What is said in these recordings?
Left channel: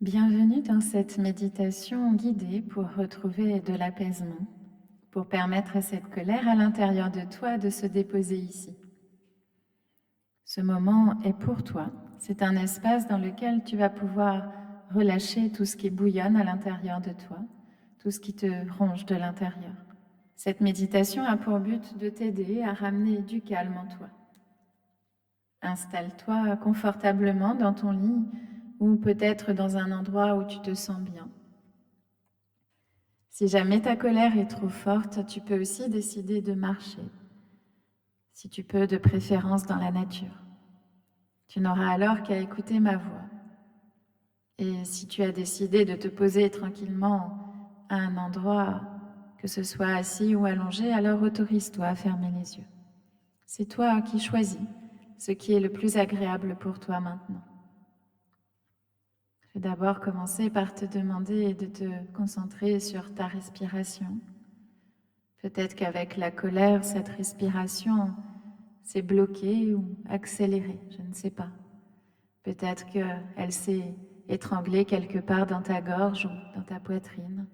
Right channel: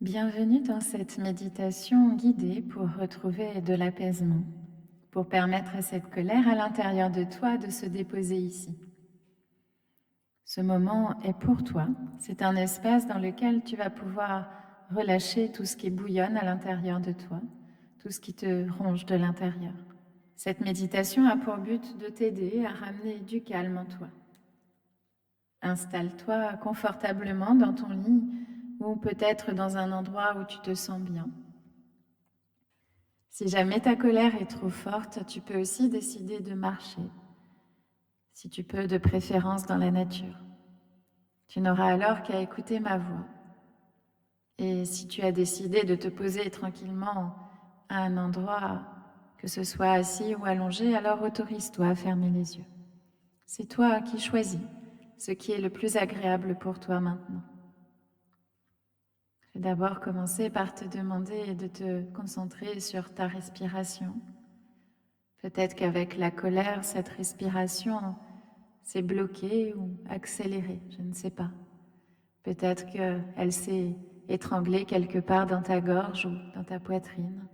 Bienvenue dans cette méditation guidée pour retrouver de l'apaisement, pour permettre à cette colère à l'intérieur de toi de se déposer ici. Ce moment est pour toi, c'est un espace dans lequel tu vas pouvoir relâcher tout ce qui bouillonne à l'intérieur de toi, tout ce qui te ronge de l'intérieur. Cette méditation a pour but de t'aider à ramener du calme en toi. Installe-toi confortablement dans ton lit ou peut-être dans un endroit où tu te sens bien. Si jamais ta colère est trop forte, tu peux aussi décider de marcher, si tu peux de préférence dans la nature. Tu n'auras alors qu'à écouter ma voix. Et si tu as décidé de te poser tranquillement à un endroit, que ce soit assis ou allongé, alors autorise-toi à fermer les yeux. C'est toi qui choisis ce qui est le plus agréable pour toi maintenant. Je vais d'abord commencer par te demander de te concentrer sur ta respiration. Peut-être qu'avec la colère, cette respiration s'est bloquée ou accélérée, je ne sais pas. Peut-être qu'elle s'est étranglée quelque part dans ta gorge ou dans ta poitrine.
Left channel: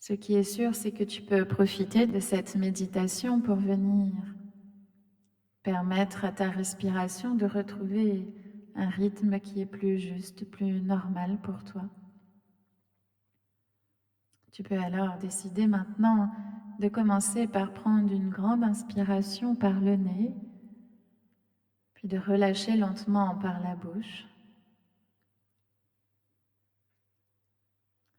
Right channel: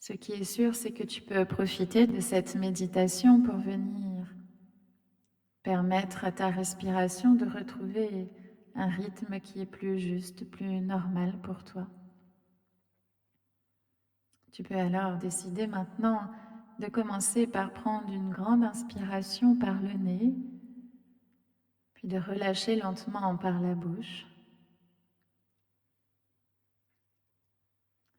Ce qui est sûr, c'est que tu peux profiter de cette méditation pour venir permettre à ta respiration de retrouver un rythme qui est plus juste, plus normal pour toi. Tu peux alors décider maintenant de commencer par prendre une grande inspiration par le nez, puis de relâcher lentement par la bouche.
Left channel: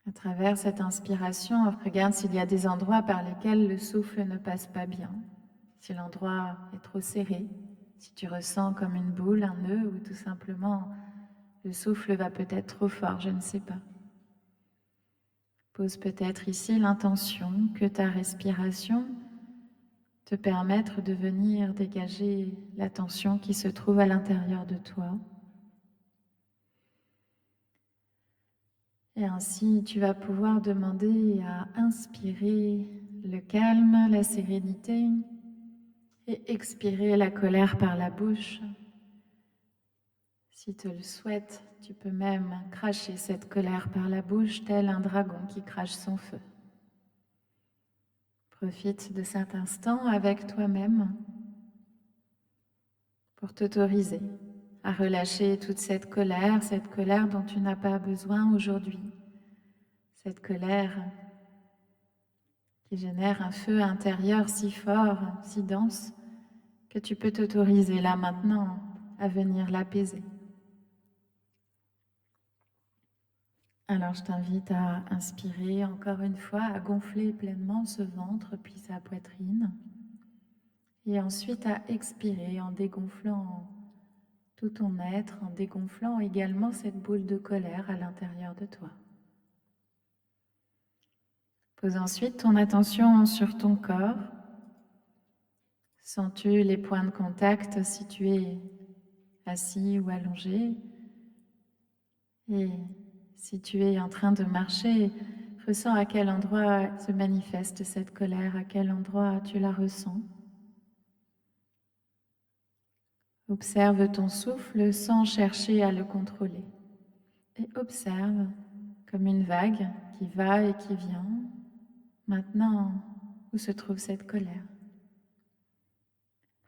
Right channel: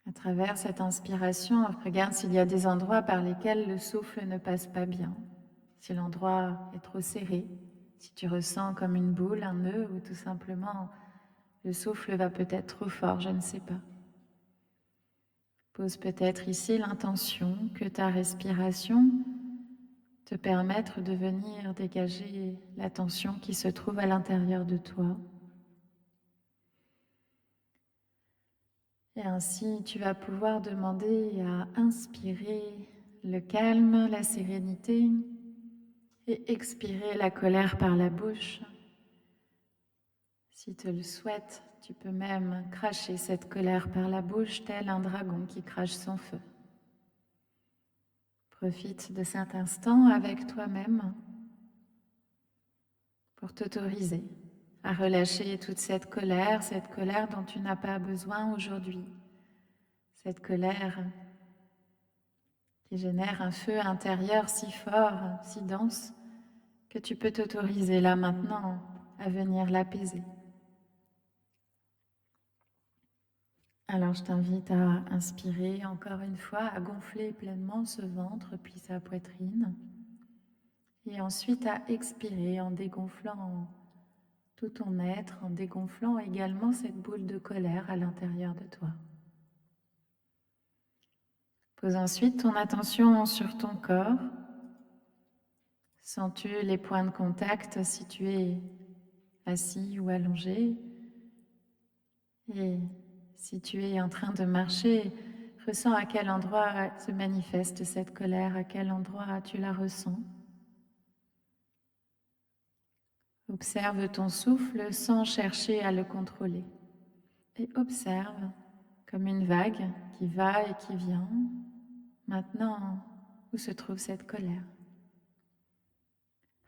À travers cette inspiration, regarde s'il y a des endroits par lesquels le souffle ne passe pas bien, si l'endroit est trop serré, si tu ressens comme une boule, un nœud, ou tout simplement le souffle va peut-être trop fort, je ne sais pas. Pose peut-être ici l'intention que ta respiration te permette de venir dégager la tension qui se trouve à l'intérieur de toi. Et ainsi, tu vas pouvoir demander à inspirer le calme, la sérénité et expirer la colère par la bouche. Si tu le souhaites, tu peux même cracher cette colère par la bouche tel un dragon qui crache son feu. Profite de cet instant avec toi-même pour t'autoriser à relâcher toute cette colère dont tu n'as pas besoin aujourd'hui, cette colère qui génère un feu intérieur si fort, si dense, que tu peux t'autoriser là maintenant à venir l'apaiser. Alors je t'invite à inspirer encore une fois, à gonfler pleinement ce ventre puis sa poitrine, et ensuite à expirer en dégonflant tout ton être, en dégonflant également cette boule de colère à l'intérieur de toi. Pose ensuite ton attention sur ton corps. Sens-tu les points de contact si tu es assis ou allongé? Et si tu es en train de marcher, ressens à quel endroit se manifeste cette colère, à quel endroit tu la ressens. Observe ton souffle sans chercher à le contrôler. Et observe comme une vague qui va et qui vient. Maintenant, où se trouve cette colère?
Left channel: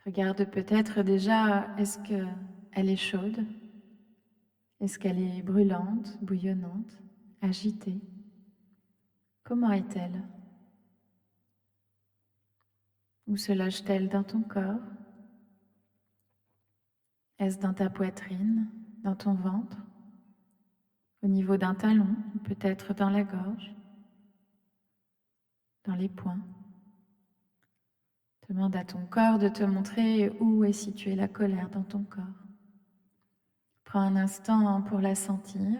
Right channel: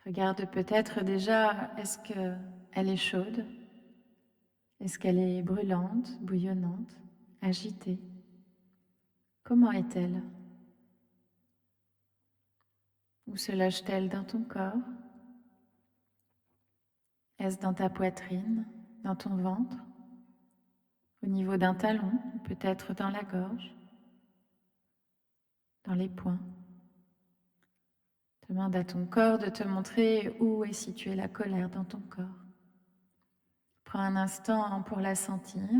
Regarde peut-être déjà, est-ce qu'elle est chaude? Est-ce qu'elle est brûlante, bouillonnante, agitée? Comment est-elle? Où se loge-t-elle dans ton corps? Est-ce dans ta poitrine, dans ton ventre, au niveau d'un talon, ou peut-être dans la gorge, dans les poings? Demande à ton corps de te montrer où est située la colère dans ton corps. Prends un instant pour la sentir,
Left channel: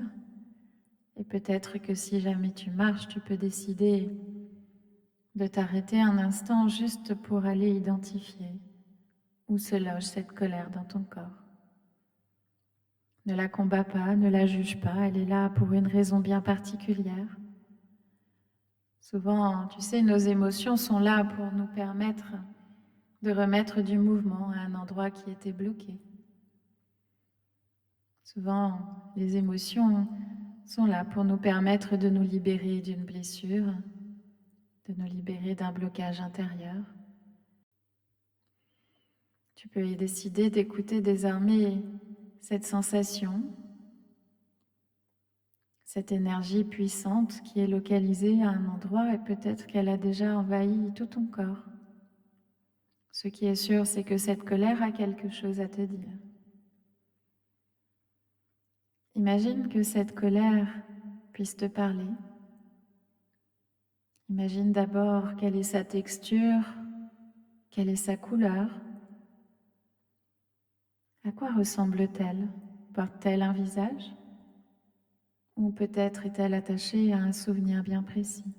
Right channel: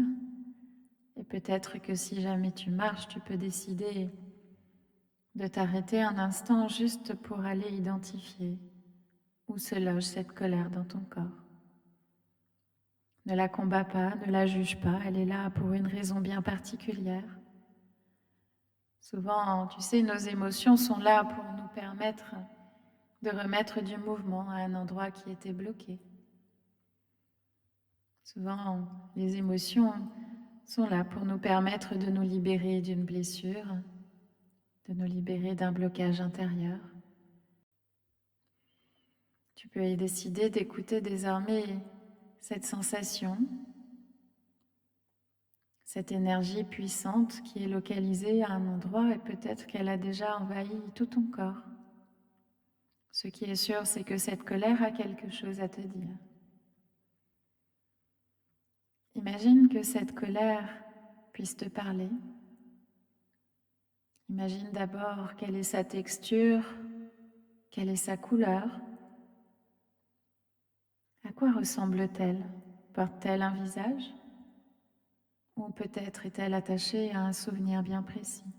et peut-être que si jamais tu marches, tu peux décider de t'arrêter un instant juste pour aller identifier où se loge cette colère dans ton corps. Ne la combats pas, ne la juge pas, elle est là pour une raison bien particulière. Souvent, tu sais, nos émotions sont là pour nous permettre de remettre du mouvement à un endroit qui était bloqué. Souvent, les émotions sont là pour nous permettre de nous libérer d'une blessure, de nous libérer d'un blocage intérieur. Tu peux y décider d'écouter désormais cette sensation, cette énergie puissante qui est localisée à un endroit et peut-être qu'elle a déjà envahi tout ton corps. Ce qui est sûr, c'est que cette colère a quelque chose à te dire. Imagine que cette colère puisse te parler. Imagine d'abord quelle est sa texture, quelle est sa couleur. À quoi ressemble-t-elle? Porte-t-elle un visage? Ou peut-être est-elle attachée à un souvenir bien précis?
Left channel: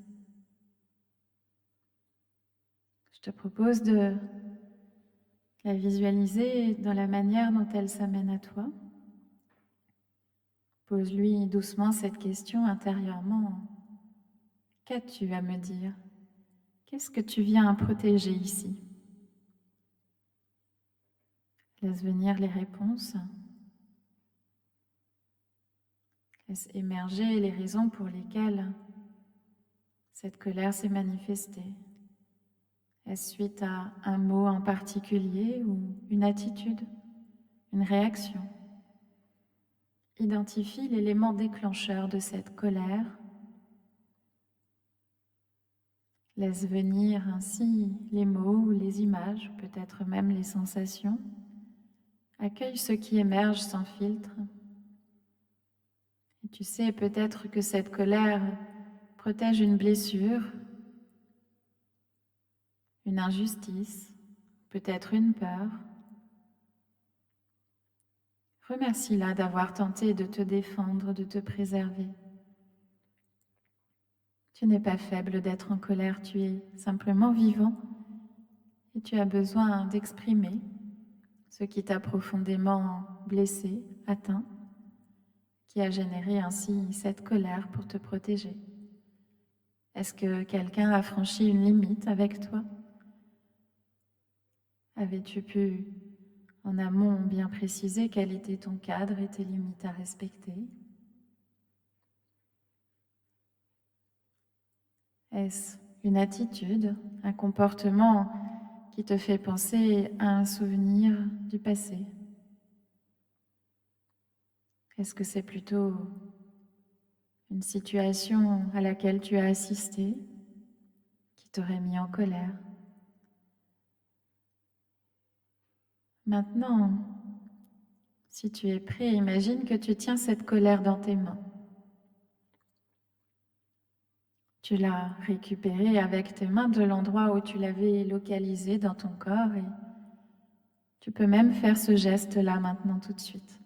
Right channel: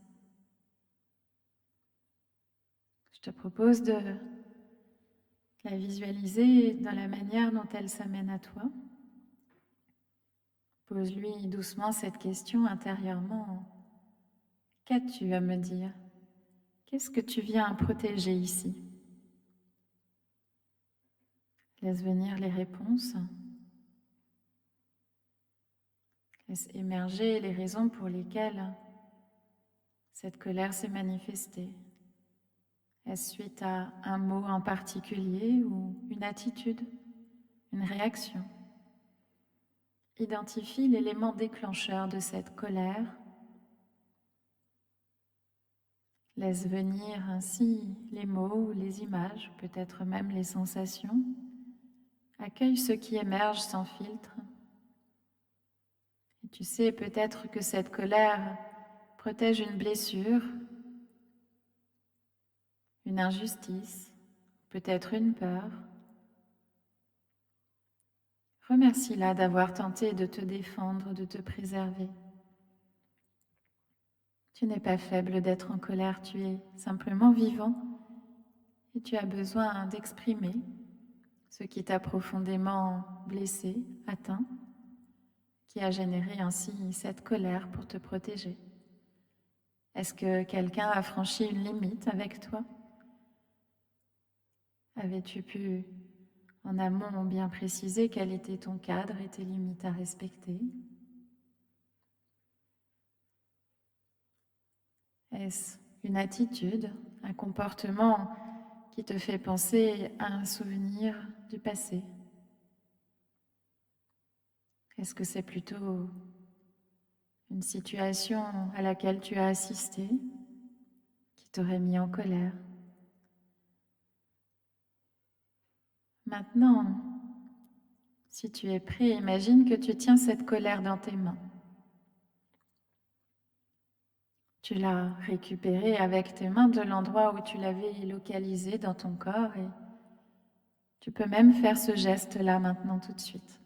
Je te propose de la visualiser dans la manière dont elle s'amène à toi. Pose-lui doucement cette question intérieurement. Qu'as-tu à me dire? Qu'est-ce que tu viens protéger ici? Laisse venir les réponses. Laisse émerger les raisons pour lesquelles cette colère s'est manifestée. Est-ce suite à un mot en particulier ou une attitude, une réaction? Identifie l'élément déclencheur de cette colère. Laisse venir ainsi les mots ou les images, peut-être même les sensations. Accueille ce qui émerge sans filtre. Et tu sais peut-être que cette colère protège une blessure, une injustice, peut-être une peur. Remercie-la d'avoir tenté de te défendre, de te préserver. Tu n'es pas faible d'être en colère, tu es simplement vivant et tu as besoin d'exprimer ce qui t'a profondément blessé, atteint, qui a généré ainsi cette colère pour te protéger. Est-ce que quelqu'un a franchi une limite avec toi? Avais-tu pu, en amont, bien préciser quel était ton cadre et tes limites à respecter? Est-ce une attitude, un comportement qui te fait penser à un souvenir du passé? Est-ce que c'est plutôt une situation à laquelle tu as assisté qui t'aurait mis en colère? Maintenant, si tu es prêt, imagine que tu tiens cette colère dans tes mains. Tu l'as récupérée avec tes mains de l'endroit où tu l'avais localisée dans ton corps et tu peux même faire ce geste-là maintenant tout de suite.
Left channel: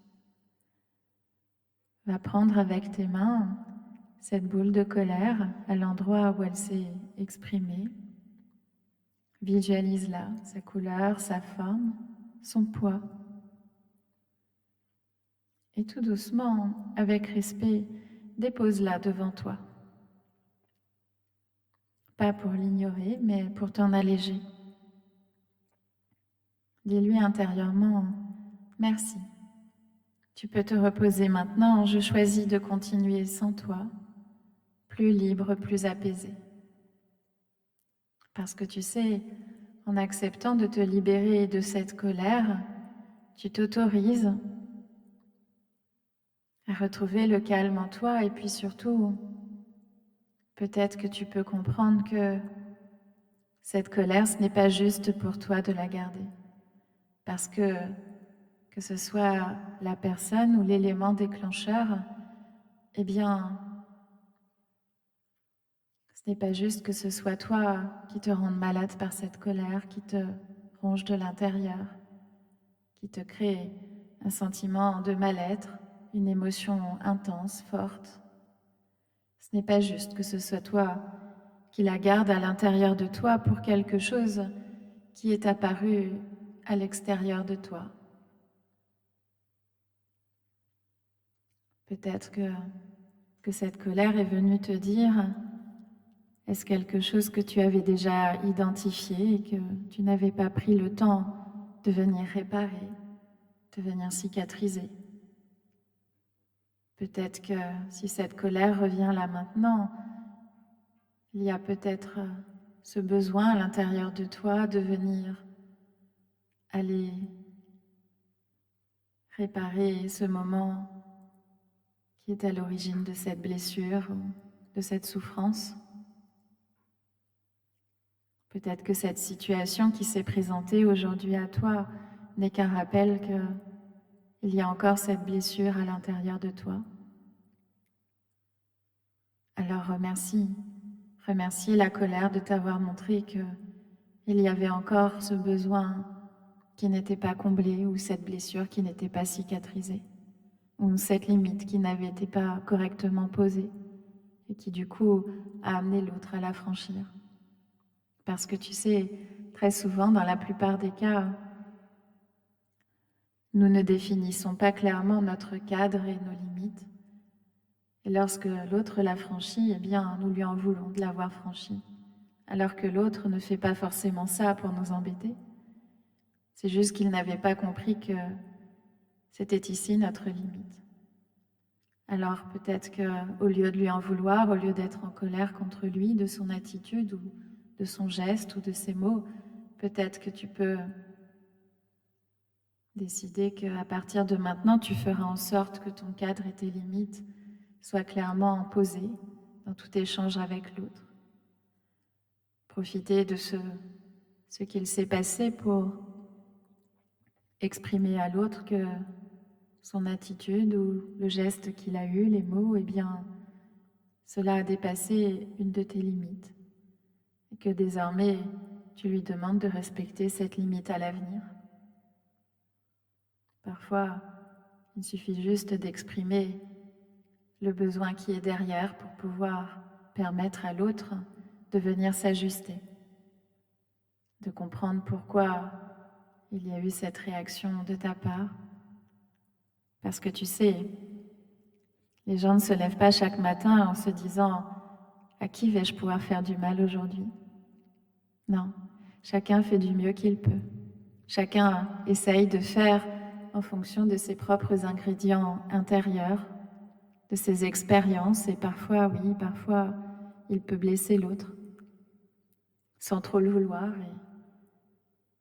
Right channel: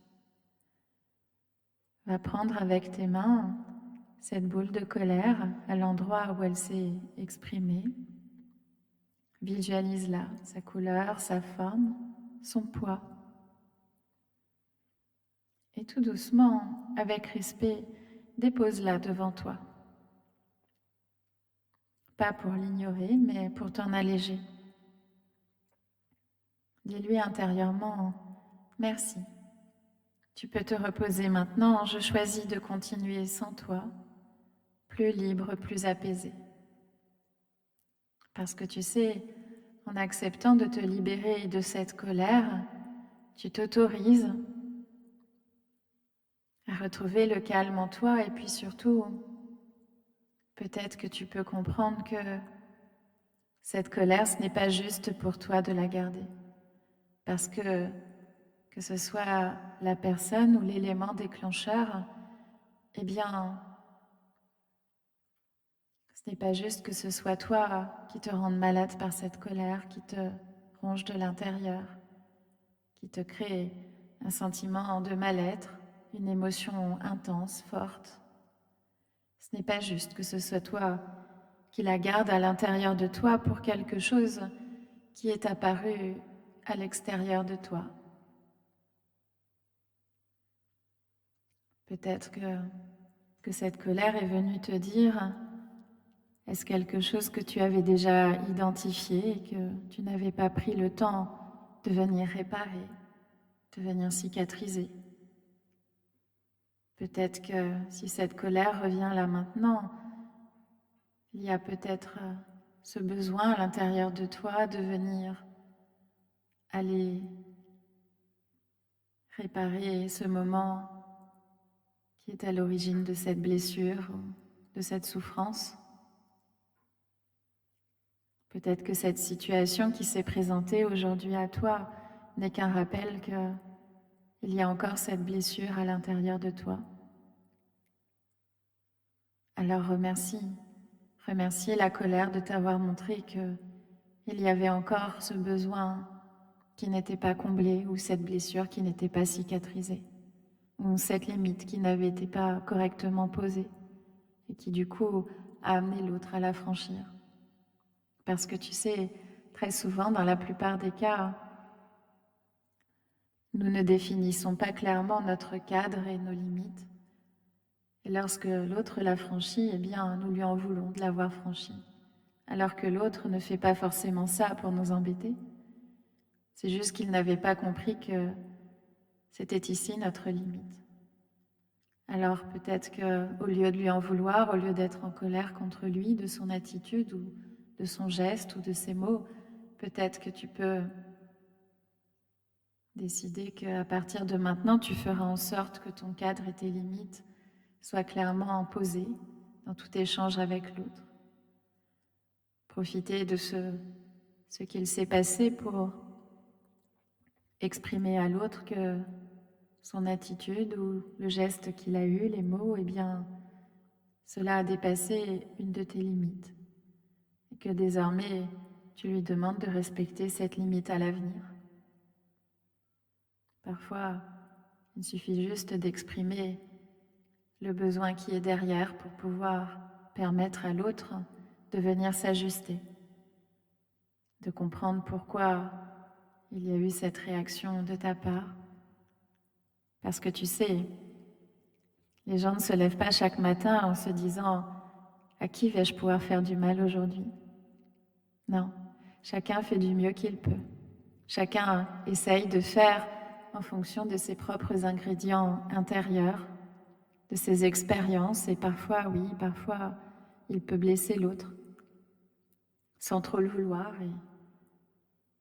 Va prendre avec tes mains cette boule de colère à l'endroit où elle s'est exprimée. Visualise-la, sa couleur, sa forme, son poids. Et tout doucement, avec respect, dépose-la devant toi. Pas pour l'ignorer, mais pour t'en alléger. Dis-lui intérieurement « Merci ». Tu peux te reposer maintenant, je choisis de continuer sans toi, plus libre, plus apaisé. Parce que tu sais, en acceptant de te libérer de cette colère, tu t'autorises à retrouver le calme en toi et puis surtout, peut-être que tu peux comprendre que cette colère, ce n'est pas juste pour toi de la garder. Parce que ce soit la personne ou l'élément déclencheur, eh bien, ce n'est pas juste que ce soit toi qui te rende malade par cette colère, qui te ronge de l'intérieur, qui te crée un sentiment de mal-être, une émotion intense, forte. Ce n'est pas juste que ce soit toi qui la garde à l'intérieur de toi pour quelque chose qui est apparu à l'extérieur de toi. Peut-être que cette colère est venue te dire « Est-ce quelque chose que tu avais déjà identifié et que tu n'avais pas pris le temps de venir réparer, de venir cicatriser ?» Peut-être que si cette colère revient là maintenant, il y a peut-être ce besoin à l'intérieur de toi de venir aller réparer ce moment qui est à l'origine de cette blessure ou de cette souffrance. Peut-être que cette situation qui s'est présentée aujourd'hui à toi n'est qu'un rappel qu'il y a encore cette blessure à l'intérieur de toi. Alors remercie la colère de t'avoir montré qu'il y avait encore ce besoin qui n'était pas comblé ou cette blessure qui n'était pas cicatrisée ou cette limite qui n'avait été pas correctement posée et qui du coup a amené l'autre à la franchir. Parce que tu sais, très souvent, dans la plupart des cas, nous ne définissons pas clairement notre cadre et nos limites. Et lorsque l'autre l'a franchi, eh bien, nous lui en voulons de l'avoir franchi. Alors que l'autre ne fait pas forcément ça pour nous embêter. C'est juste qu'il n'avait pas compris que c'était ici notre limite. Alors peut-être qu'au lieu de lui en vouloir, au lieu d'être en colère contre lui, de son attitude ou de son geste ou de ses mots, peut-être que tu peux décider qu'à partir de maintenant, tu feras en sorte que ton cadre et tes limites soient clairement posés dans tout échange avec l'autre. Profiter de ce qu'il s'est passé pour exprimer à l'autre que son attitude ou le geste qu'il a eu, les mots, eh bien, cela a dépassé une de tes limites. Et que désormais, tu lui demandes de respecter cette limite à l'avenir. Parfois, il suffit juste d'exprimer le besoin qui est derrière pour pouvoir permettre à l'autre de venir s'ajuster, de comprendre pourquoi il y a eu cette réaction de ta part. Parce que tu sais, les gens ne se lèvent pas chaque matin en se disant « À qui vais-je pouvoir faire du mal aujourd'hui ?» Non, chacun fait du mieux qu'il peut. Chacun essaye de faire en fonction de ses propres ingrédients intérieurs, de ses expériences, et parfois, oui, parfois, il peut blesser l'autre sans trop le vouloir, et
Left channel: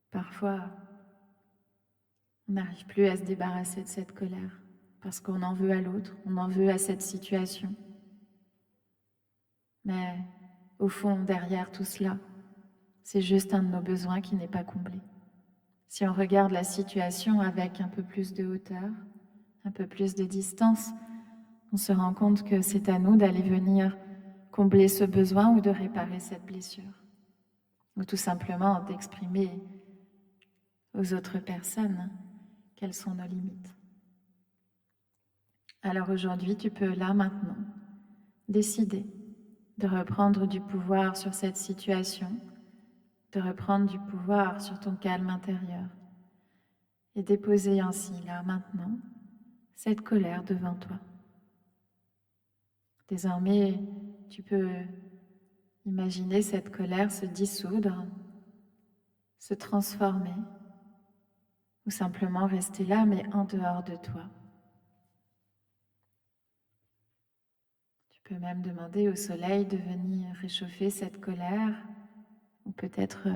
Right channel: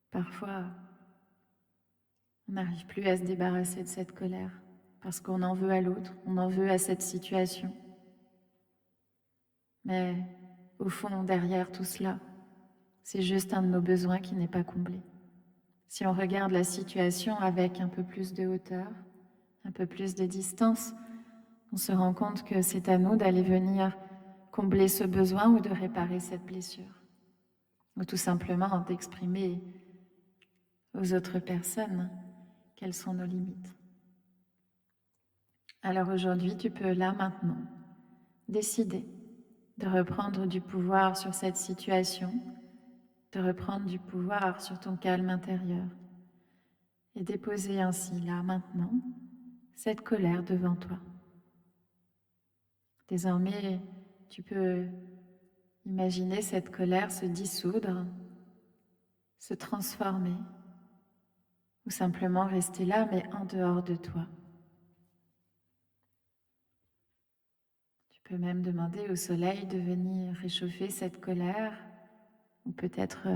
parfois, on n'arrive plus à se débarrasser de cette colère parce qu'on en veut à l'autre, on en veut à cette situation. Mais au fond, derrière tout cela, c'est juste un de nos besoins qui n'est pas comblé. Si on regarde la situation avec un peu plus de hauteur, un peu plus de distance, on se rend compte que c'est à nous d'aller venir combler ce besoin ou de réparer cette blessure. Ou tout simplement d'exprimer aux autres personnes quelles sont nos limites. Alors aujourd'hui, tu peux là maintenant décider de reprendre du pouvoir sur cette situation, de reprendre du pouvoir sur ton calme intérieur et déposer ainsi là maintenant cette colère devant toi. Désormais, tu peux imaginer cette colère se dissoudre, se transformer ou simplement rester là mais en dehors de toi. Tu peux même demander au soleil de venir réchauffer cette colère ou peut-être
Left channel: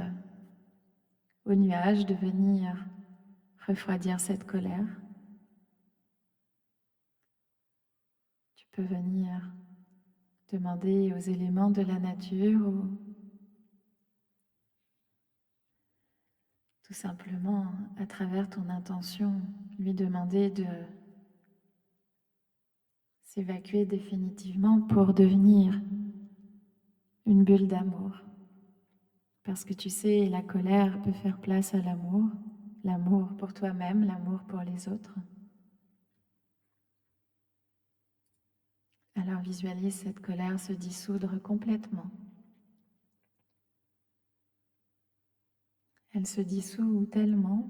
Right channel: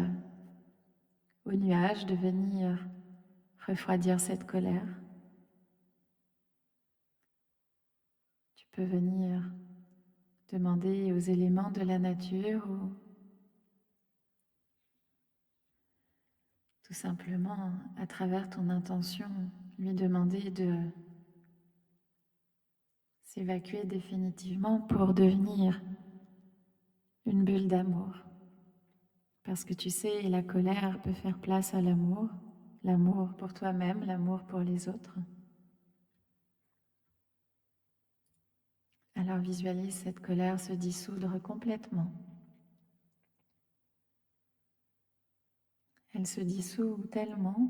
au nuage de venir refroidir cette colère. Tu peux venir demander aux éléments de la nature ou tout simplement, à travers ton intention, lui demander de s'évacuer définitivement pour devenir une bulle d'amour. Parce que tu sais, la colère peut faire place à l'amour, l'amour pour toi-même, l'amour pour les autres. Alors visualise cette colère se dissoudre complètement. Elle se dissout tellement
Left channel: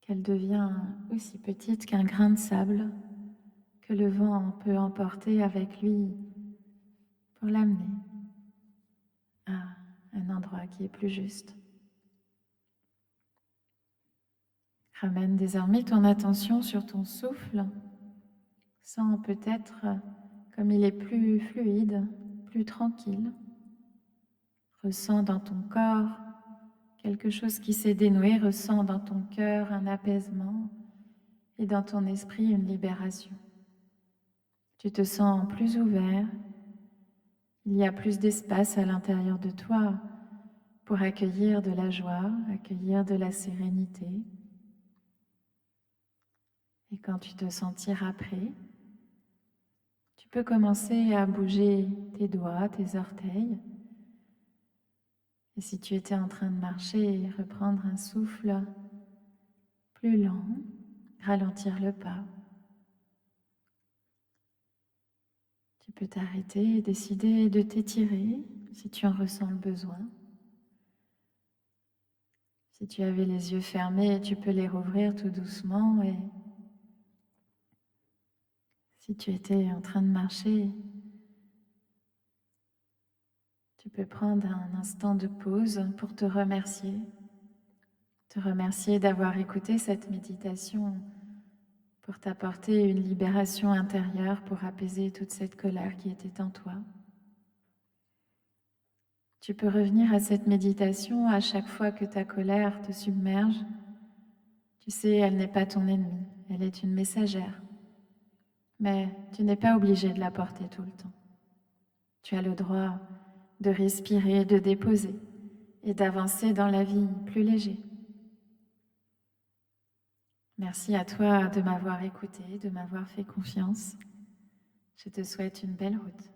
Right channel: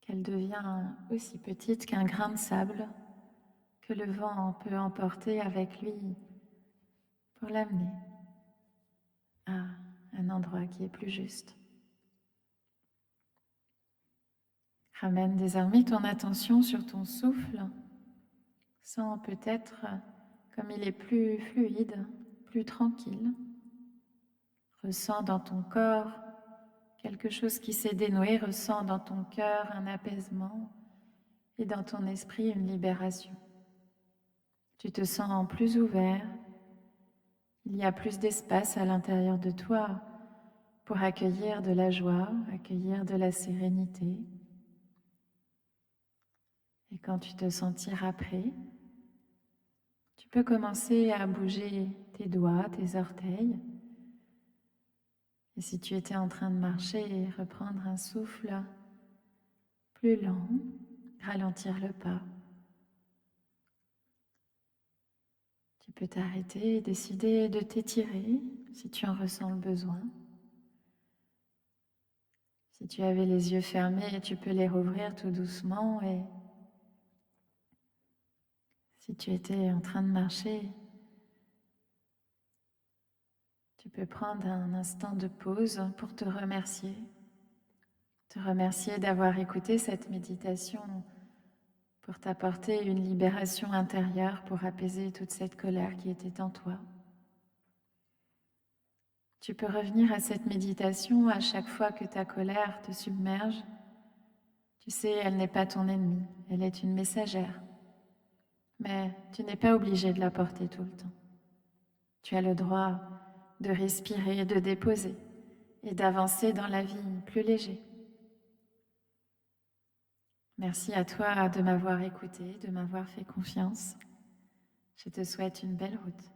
qu'elle devient aussi petite qu'un grain de sable que le vent peut emporter avec lui pour l'amener à un endroit qui est plus juste. Ramène désormais ton attention sur ton souffle. Sens peut-être comme il est plus fluide, plus tranquille. Ressens dans ton corps quelque chose qui s'est dénoué. Ressens dans ton cœur un apaisement et dans ton esprit une libération. Tu te sens plus ouvert. Il y a plus d'espace à l'intérieur de toi pour accueillir de la joie, accueillir de la sérénité. Et quand tu te sentiras prêt, tu peux commencer à bouger tes doigts, tes orteils. Et si tu étais en train de marcher, reprendre un souffle plus lent, ralentir le pas. Tu peux t'arrêter et décider de t'étirer si tu en ressens le besoin. Si tu avais les yeux fermés, tu peux les rouvrir tout doucement et si tu étais en train de marcher, tu peux prendre un instant de pause pour te remercier d'avoir écouté cette méditation pour t'apporter une libération intérieure, pour apaiser toute cette colère qui était en toi. Tu peux revenir à cette méditation à chaque fois que ta colère te submerge. Tu sais, elle n'est pas ton ennemie, elle est une messagère. Mais tu n'es pas obligé de la porter tout le temps. Tu as le droit de respirer, de déposer et d'avancer dans la vie plus léger. Merci à toi de m'avoir écouté, de m'avoir fait confiance. Je te souhaite une belle route.